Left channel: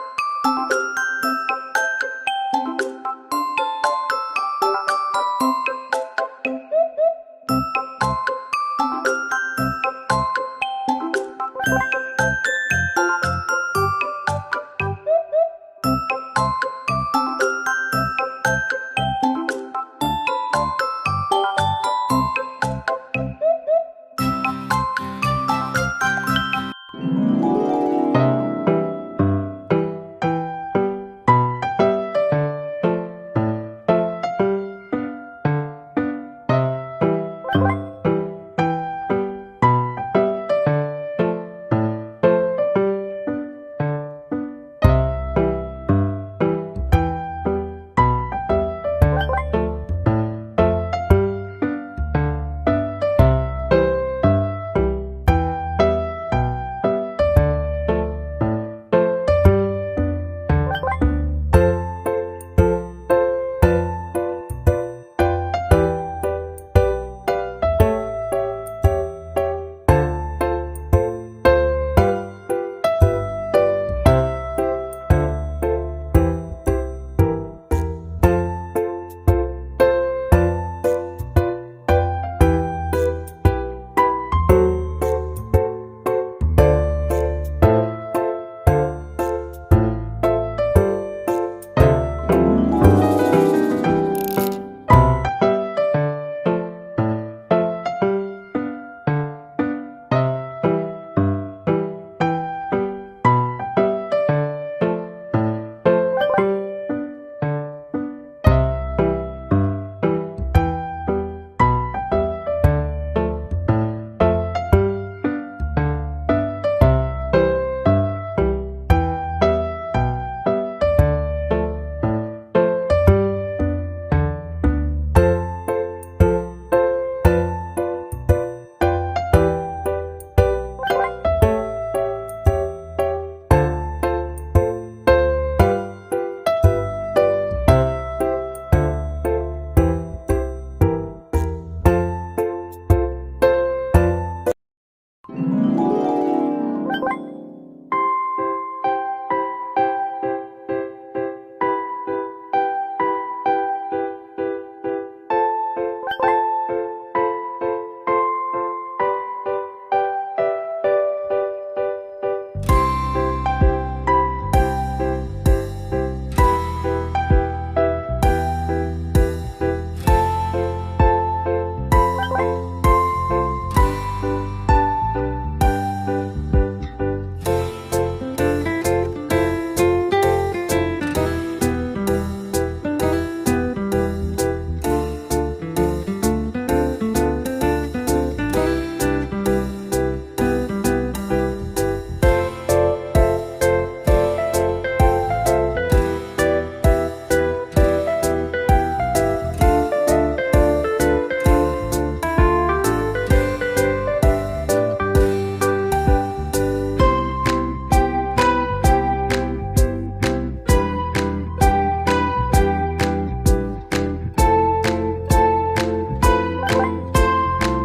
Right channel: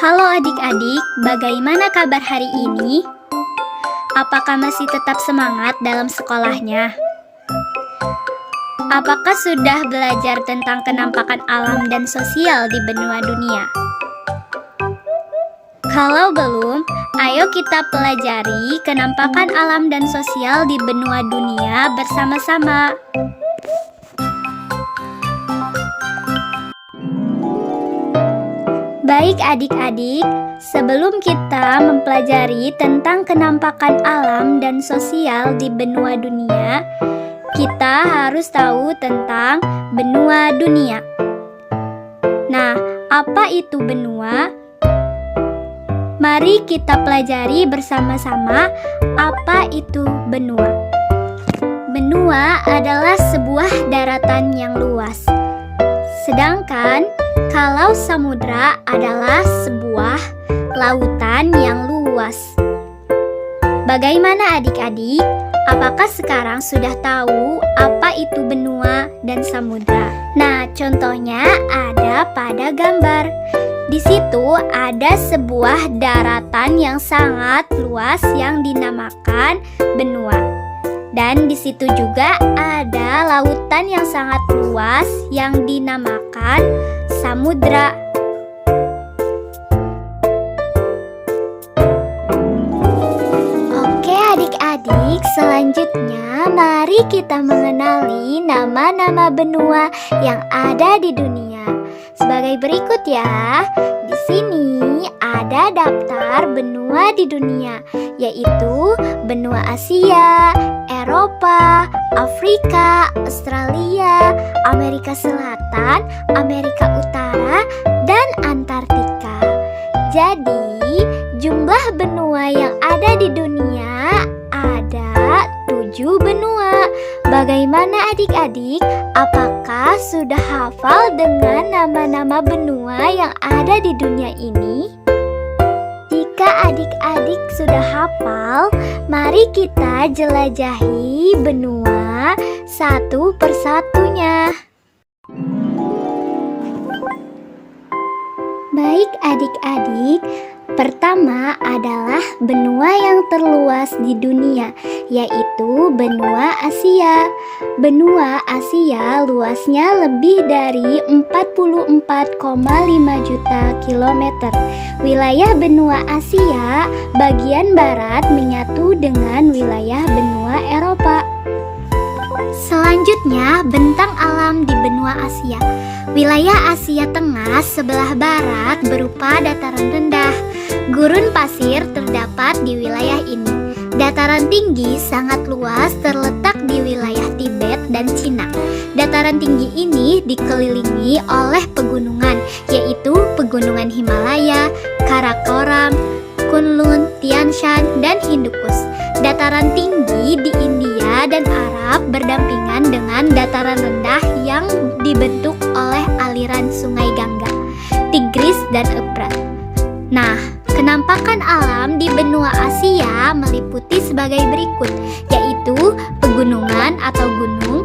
Halo adik-adik, bagaimana kabar hari ini? Apakah masih tetap semangat dalam sekolahnya? Apakah sudah belajar tentang kenampakan alam dan sosial di benua dunia? Kalau belum, ayo kita pelajari kenampakan alam dan sosial di benua dunia bersama-sama. Baik adik-adik, sebelum kita mempelajari tentang kenampakan alam dan sosial di benua dunia, kita harus tahu tentang benua dunia. Nah, apa itu benua? Mari kita pelajari bersama-sama apa itu benua. Benua adalah sebuah daratan yang luas. Sedangkan kalau samudra adalah sebuah lautan yang luas. Bagaimana adik-adik? Apakah sekarang sudah tahu apa itu benua dan samudra? Nah, contohnya ada pada gambar. Di situ ada sebuah daratan yang sangat luas yang dinamakan benua. Dan di situ juga ada lautan yang sangat luas yang dinamakan samudra. Oke adik-adik, selanjutnya mari kita mengenali nama-nama benua yang ada di dunia. Sebagai berikut ya. Di sini ada daftar benua di dunia, yaitu benua Asia, Eropa, Afrika, Australia, Amerika Selatan, Amerika Utara, dan Antartika. Jadi, jumlah benua yang ada di dunia ada 7 benua. Bagaimana adik-adik? Apakah sudah hafal dengan nama-nama benua yang ada di dunia ini? Jika adik-adik sudah hafal, mari kita jelajahi benua satu persatunya. Baik adik-adik, pertama adalah benua yang terluas di dunia, yaitu benua Asia. Benua Asia luasnya lebih dari 44,5 juta kilometer. Wilayah benua Asia bagian barat menyatu dengan wilayah benua Eropa. Selanjutnya, bentang alam di benua Asia. Wilayah Asia Tengah sebelah barat berupa dataran rendah. Gurun pasir terdapat di wilayah ini. Dataran tinggi sangat luas terletak di wilayah Tibet dan Cina. Dataran tinggi ini dikelilingi oleh pegunungan, yaitu pegunungan Himalaya, Karakoram, Kunlun, Tian Shan, dan Hindukush. Dataran tinggi di India dan Arab berdampingan dengan dataran rendah yang dibentuk oleh aliran sungai Gangga, Tigris, dan Efrat. Nah, kenampakan alam di benua Asia meliputi sebagai berikut, yaitu pegunungan atau gunung,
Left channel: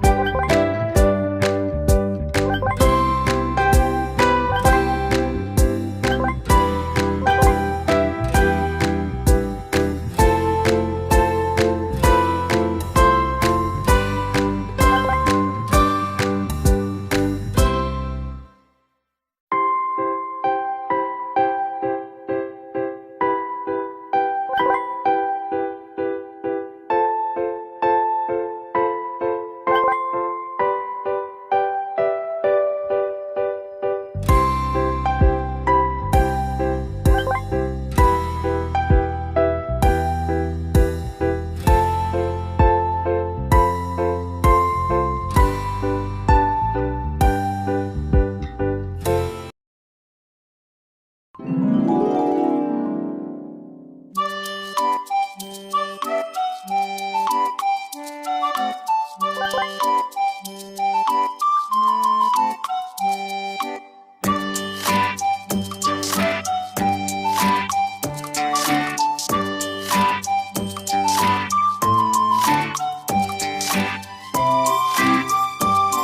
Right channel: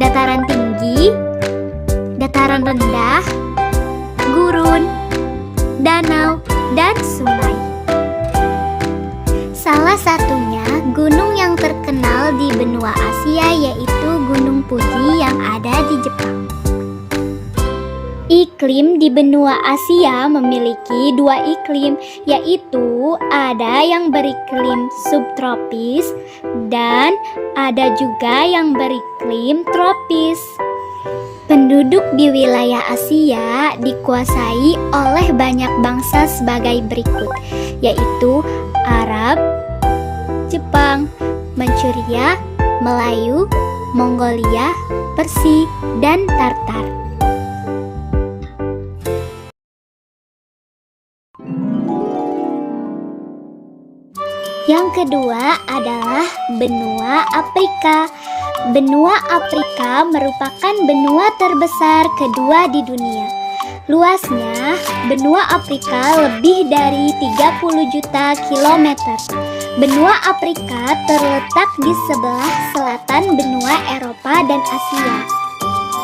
dataran tinggi, dataran rendah, gurun, danau, dan sungai. Salah satunya gunung yang terkenal di benua Asia yaitu Gunung Putri yang ada di Jepang. Iklim di benua Asia memiliki 2 iklim, yaitu ada yang beriklim subtropis dan ada juga yang beriklim tropis. Penduduk di wilayah Asia dikuasai oleh banyak bangsa sebagai berikut, yaitu Arab, Jepang, Manchuria, Melayu, Mongolia, Persia, dan Tartar. Yang kedua adalah benua Afrika. Benua Afrika merupakan benua terbesar kedua di dunia. Luasnya, benua Afrika lebih dari 30 juta kilometer. Benua Afrika terletak di sebelah selatan benua Eropa dan Asia.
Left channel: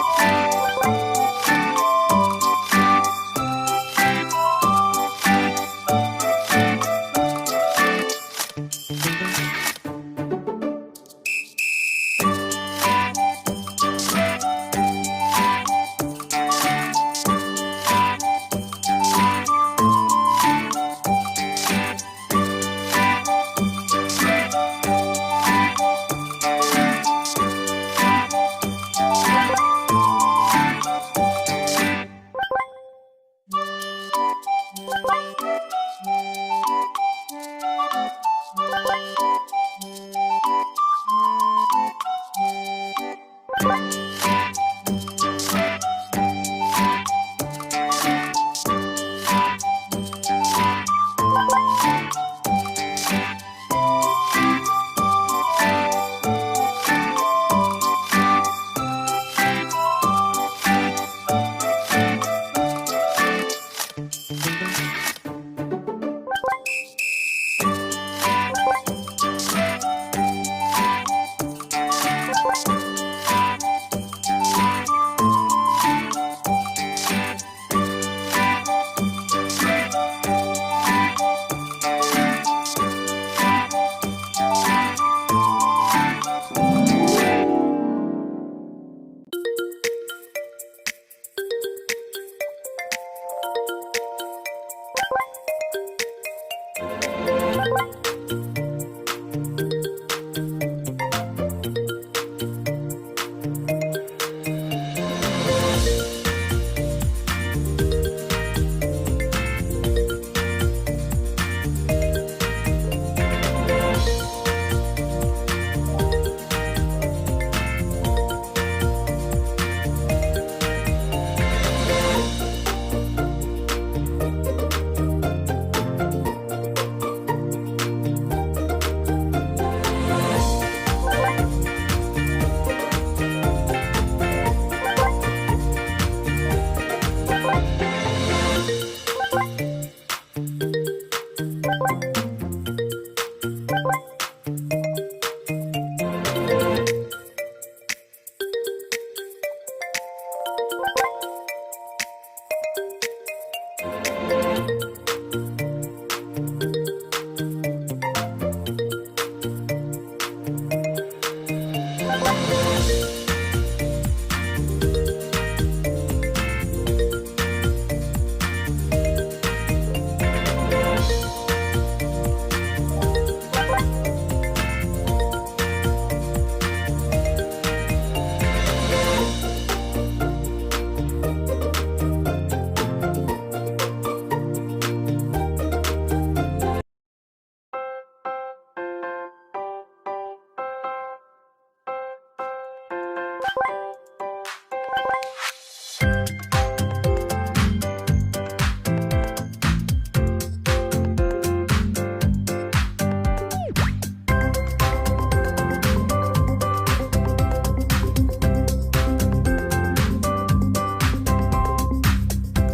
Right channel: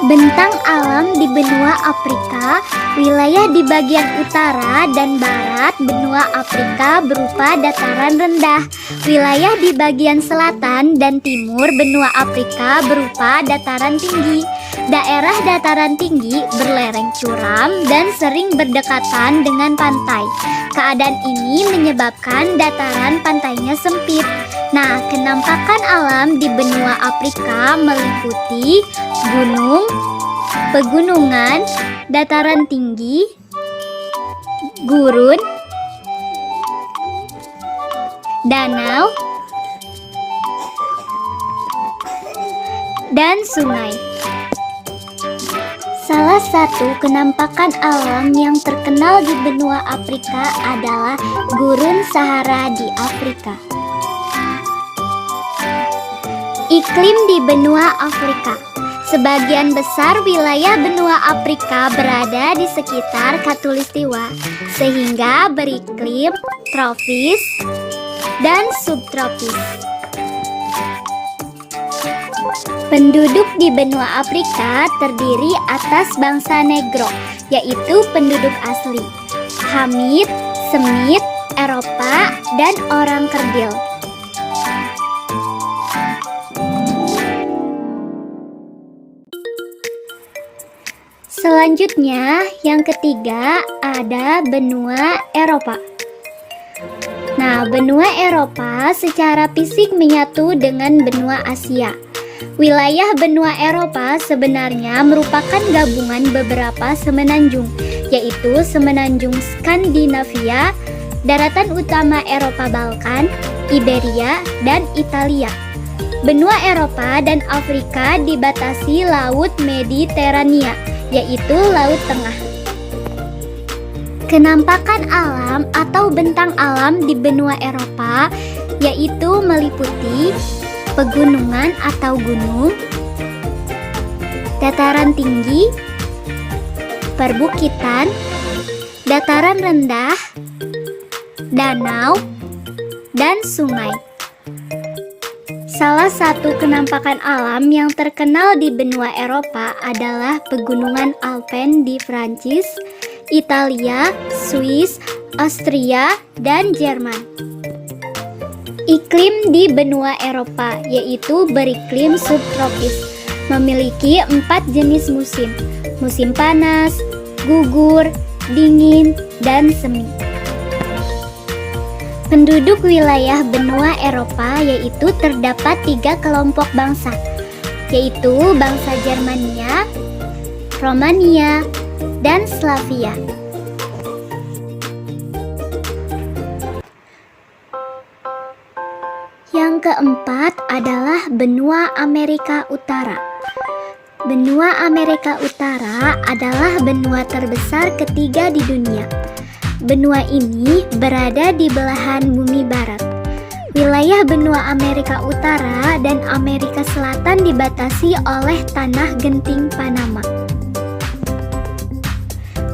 Bentang alam di benua Afrika, wilayah di bagian utara dan barat benua Afrika berupa dataran rendah. Wilayah di bagian selatan dan timur benua Afrika berupa dataran tinggi. Daerah dataran tinggi berlereng curam dan sering berdekatan dengan pantai. Keadaan ini menyebabkan dataran pantainya sempit. Nah, kenampakan alam di benua Afrika meliputi gunung, pegunungan, dataran tinggi, gurun, danau, dan sungai. Salah satu kenampakan alam yang terkenal di benua Afrika adalah Gurun Sahara di Afrika. Iklim di benua Afrika. Sebagian besar wilayah benua Afrika berada di sekitar Khatulistiwa, sehingga beriklim tropis dan subtropis. Penduduk di benua Afrika terdiri atas bangsa Negro, yaitu penduduk asli, Hamit, Semit, Eropa, dan orang Kerdil. Selanjutnya, yang ketiga ada benua Eropa. Nah, benua Eropa secara fisik menyatu dengan benua Asia. Wilayah benua Eropa sebenarnya merupakan gabungan beberapa semenanjung, yaitu semenanjung Skandinavia, daratan utama Eropa Balkan, Iberia, dan Italia. Benua Eropa dan Afrika dibatasi Laut Mediterania, yaitu Laut Tengah. Kenampakan alam atau bentang alam di benua Eropa yaitu meliputi pegunungan atau gunung, dataran tinggi, perbukitan, dataran rendah, danau, dan sungai. Salah satu kenampakan alam yang terkenal di benua Eropa adalah pegunungan Alpen di Prancis, Italia, Swiss, Austria, dan Jerman. Iklim di benua Eropa yaitu beriklim subtropis, memiliki 4 jenis musim: musim panas, gugur, dingin, dan semi. Penduduk wilayah benua Eropa yaitu terdapat 3 kelompok bangsa, yaitu bangsa Germania, Romania, dan Slavia. Yang keempat adalah benua Amerika Utara. Benua Amerika Utara adalah benua terbesar ketiga di dunia. Benua ini berada di belahan bumi barat. Wilayah benua Amerika Utara dan Amerika Selatan dibatasi oleh tanah genting Panama.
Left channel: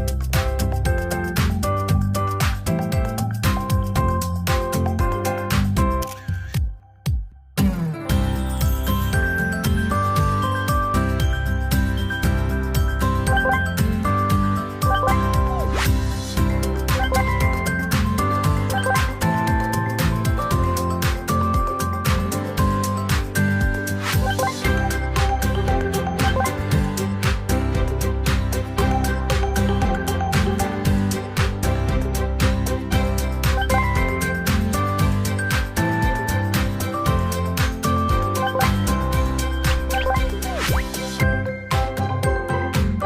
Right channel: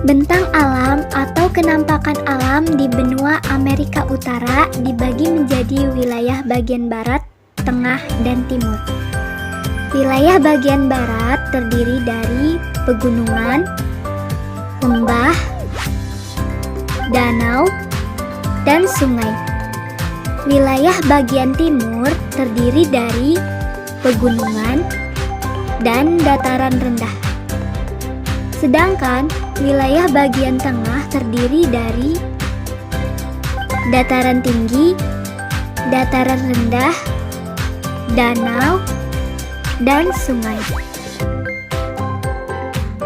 Bentang alam atau kenampakan alam di benua Amerika Utara dibagi menjadi wilayah bagian barat, tengah, dan timur. Wilayah bagian barat terdiri dari pegunungan, lembah, danau, dan sungai. Wilayah bagian timur terdiri dari pegunungan dan dataran rendah. Sedangkan wilayah bagian tengah terdiri dari dataran tinggi, dataran rendah, danau, dan sungai.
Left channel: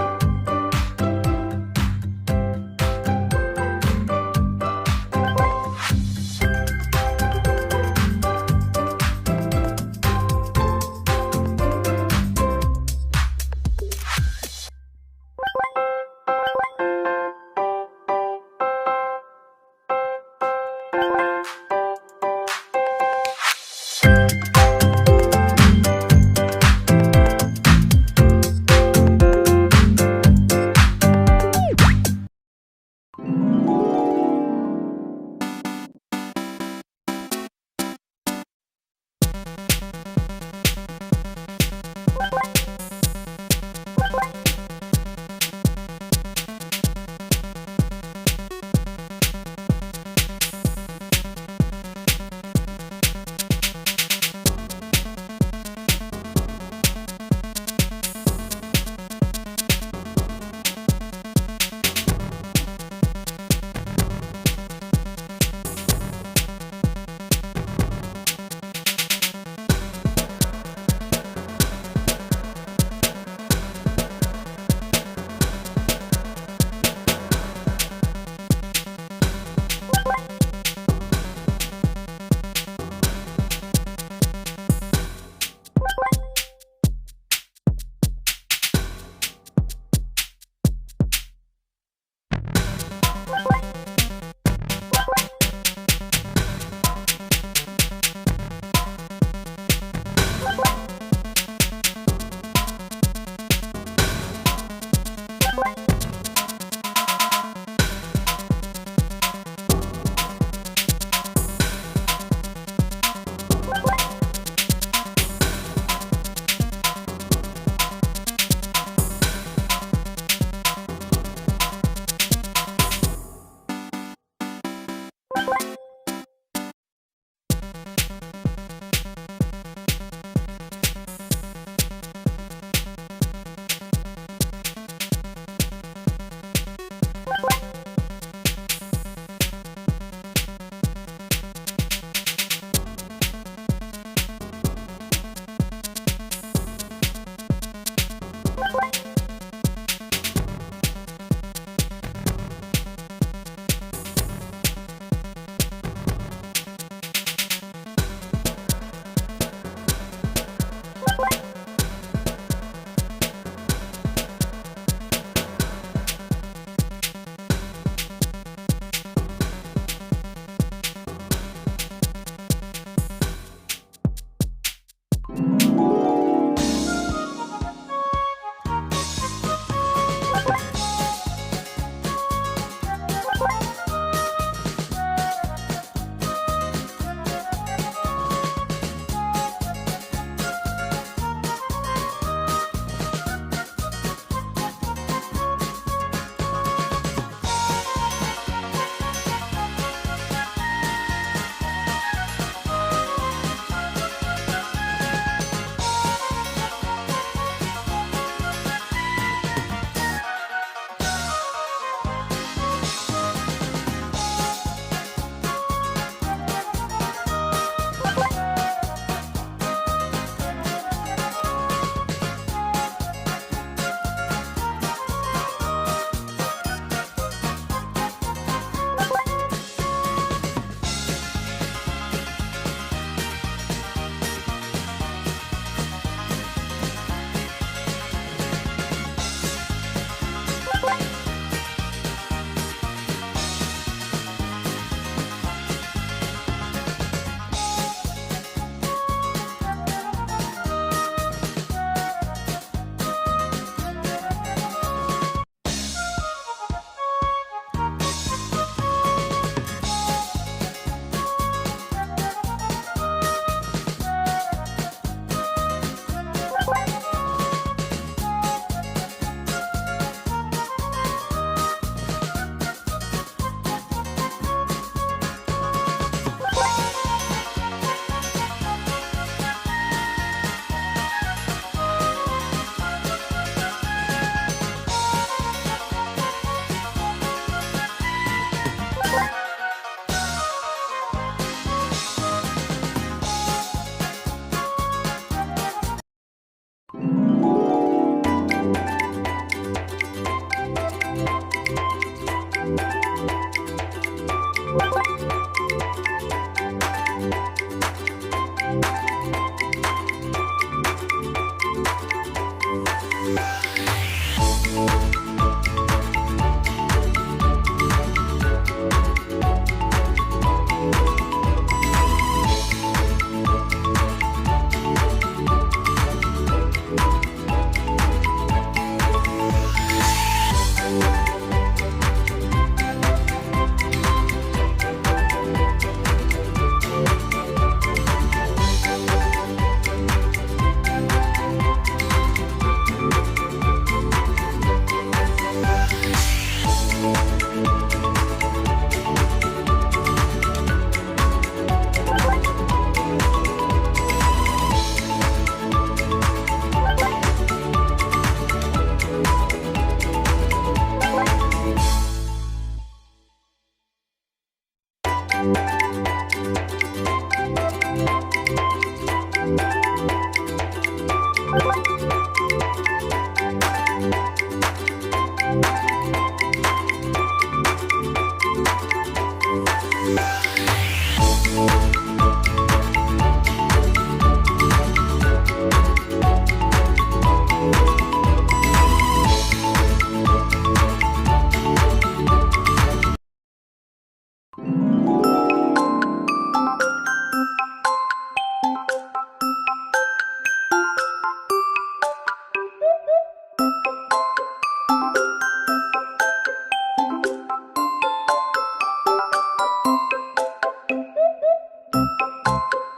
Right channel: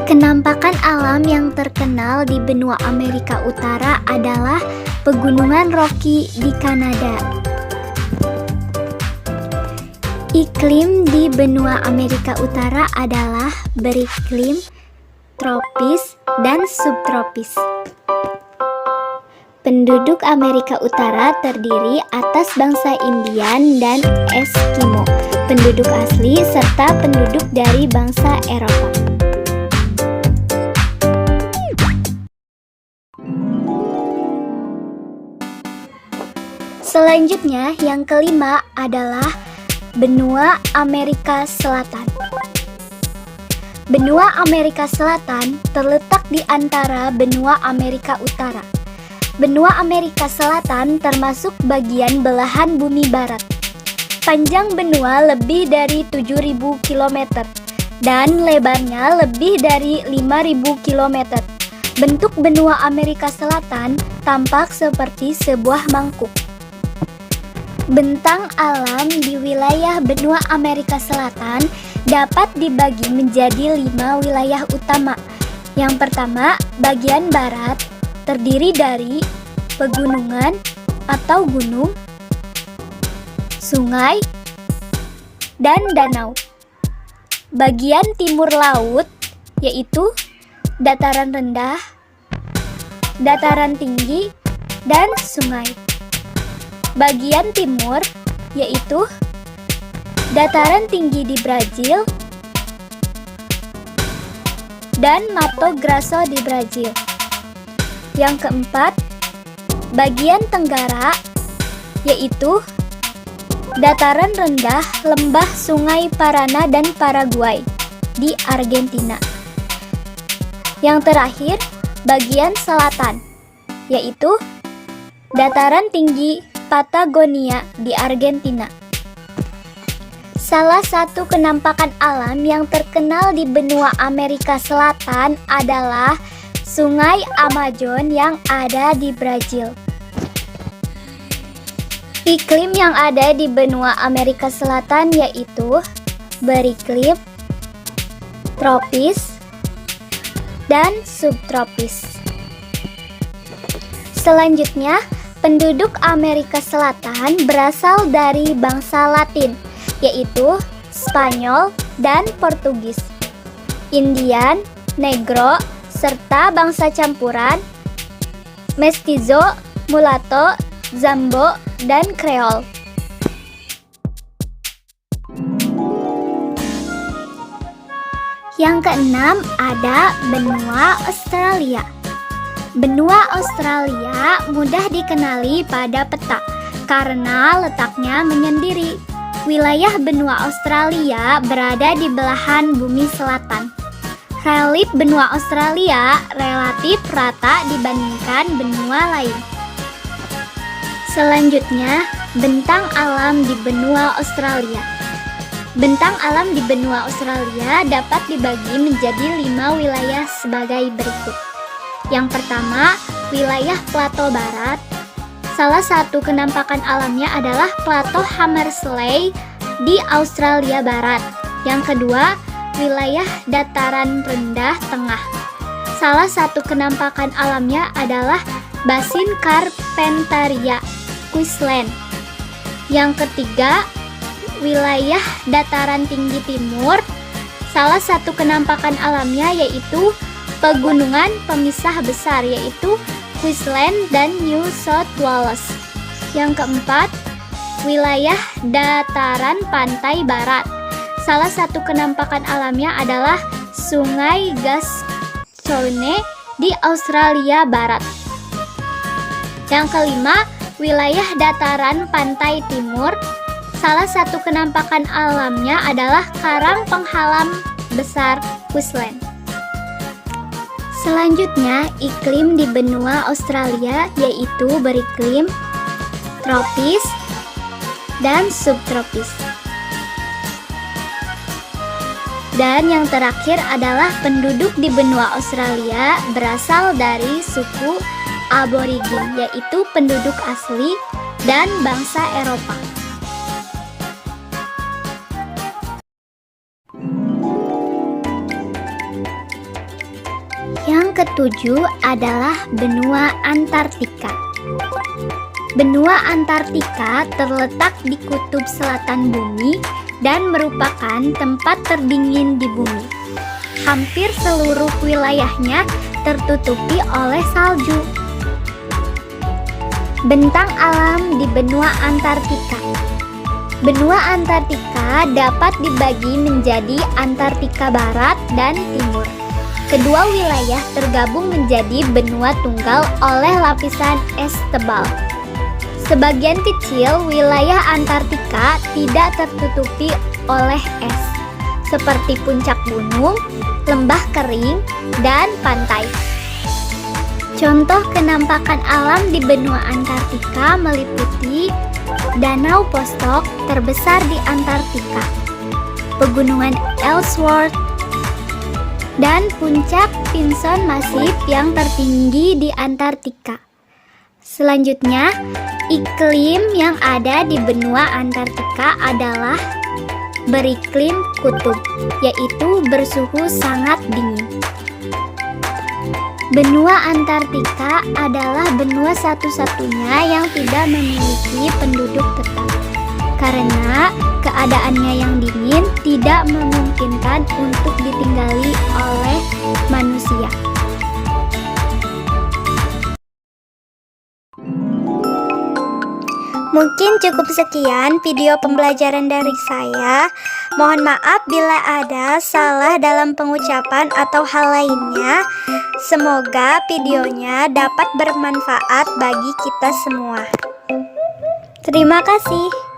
Kenampakan alam yang terkenal di benua Amerika Utara adalah pegunungan Rocky di Kanada. Iklim di benua Amerika Utara adalah beriklim tropis dan subtropis. Penduduk Amerika Utara terdiri atas bangsa Indian dan Eskimo, penduduk asli serta penduduk dari bangsa Eropa. Selanjutnya, yang kelima adalah benua Amerika Selatan. Benua Amerika Selatan terletak di antara benua Amerika Utara. Benua Amerika Selatan termasuk bagian belahan bumi barat. Panjang benua lebih dari 7.000 km dan lebarnya lebih dari 5.000 km. Bentuk benua Amerika Selatan tampak seperti sebuah mangkuk. Bentang alam di wilayah benua Amerika Selatan dapat dibagi menjadi 5 wilayah utama. Yang pertama, bagian barat terdiri dari pegunungan atau gunung, sungai, dan danau. Bagian timur laut yaitu dataran rendah, dataran tinggi, dan sungai. Bagian timur yaitu dataran tinggi di Brazil dan Mato Grosso di Brazil. Yang keempat, bagian tenggara yaitu dataran rendah lembah Sungai Paraná dan Paraguay di Argentina. Yang terakhir, bagian selatan yaitu dataran tinggi Patagonia di Argentina. Salah satu penampakan alam yang terkenal di benua Amerika Selatan adalah Sungai Amazon yang ada di Brazil. Iklim yang ada di benua Amerika Selatan yaitu beriklim tropis dan subtropis. Selanjutnya, penduduk Amerika Selatan berasal dari bangsa Latin, yaitu Spanyol dan Portugis, Indian, Negro, serta bangsa campuran, Mestizo, Mulatto, Zambo, dan Creole. Yang keenam ada benua Australia. Benua Australia mudah dikenali pada peta karena letaknya menyendiri. Wilayah benua Australia berada di belahan bumi selatan. Relief benua Australia relatif rata dibandingkan benua lain. Selanjutnya, bentang alam di benua Australia. Bentang alam di benua Australia dapat dibagi menjadi 5 wilayah sebagai berikut. Yang pertama, wilayah Plato Barat. Salah satu penampakan alamnya adalah Plato Hamersley di Australia Barat. Yang kedua, wilayah dataran rendah tengah. Salah satu penampakan alamnya adalah Basin Carpentaria, Queensland. Yang ketiga, wilayah dataran tinggi timur. Salah satu penampakan alamnya yaitu pegunungan pemisah besar yaitu Queensland dan New South Wales. Yang keempat, wilayah dataran pantai barat. Salah satu penampakan alamnya adalah Sungai Gascoyne di Australia Barat. Yang kelima, wilayah dataran pantai timur. Salah satu penampakan alamnya adalah Karang Penghalam Besar Queensland. Selanjutnya, iklim di benua Australia yaitu beriklim tropis dan subtropis. Dan yang terakhir adalah penduduk di benua Australia berasal dari suku Aborigin, yaitu penduduk asli dan bangsa Eropa. Yang ketujuh adalah benua Antartika. Benua Antartika terletak di kutub selatan bumi dan merupakan tempat terdingin di bumi. Hampir seluruh wilayahnya tertutupi oleh salju. Bentang alam di benua Antartika. Benua Antartika dapat dibagi menjadi Antartika Barat dan Timur. Kedua wilayah tergabung menjadi benua tunggal oleh lapisan es tebal. Sebagian kecil wilayah Antartika tidak tertutupi oleh es. seperti puncak gunung, lembah kering, dan pantai. Contoh kenampakan alam di benua Antartika meliputi Danau Vostok terbesar di Antartika, Pegunungan Ellsworth, dan puncak Vinson Massif yang tertinggi di Antartika. Selanjutnya, iklim yang ada di benua Antartika adalah beriklim kutub, yaitu bersuhu sangat dingin. Benua Antartika adalah benua satu-satunya yang tidak memiliki penduduk tetap, karena keadaannya yang dingin tidak memungkinkan untuk ditinggali oleh manusia. Mungkin cukup sekian video pembelajaran dari saya. Mohon maaf bila ada salah dalam pengucapan atau hal lainnya. Semoga videonya dapat bermanfaat bagi kita semua. Terima kasih.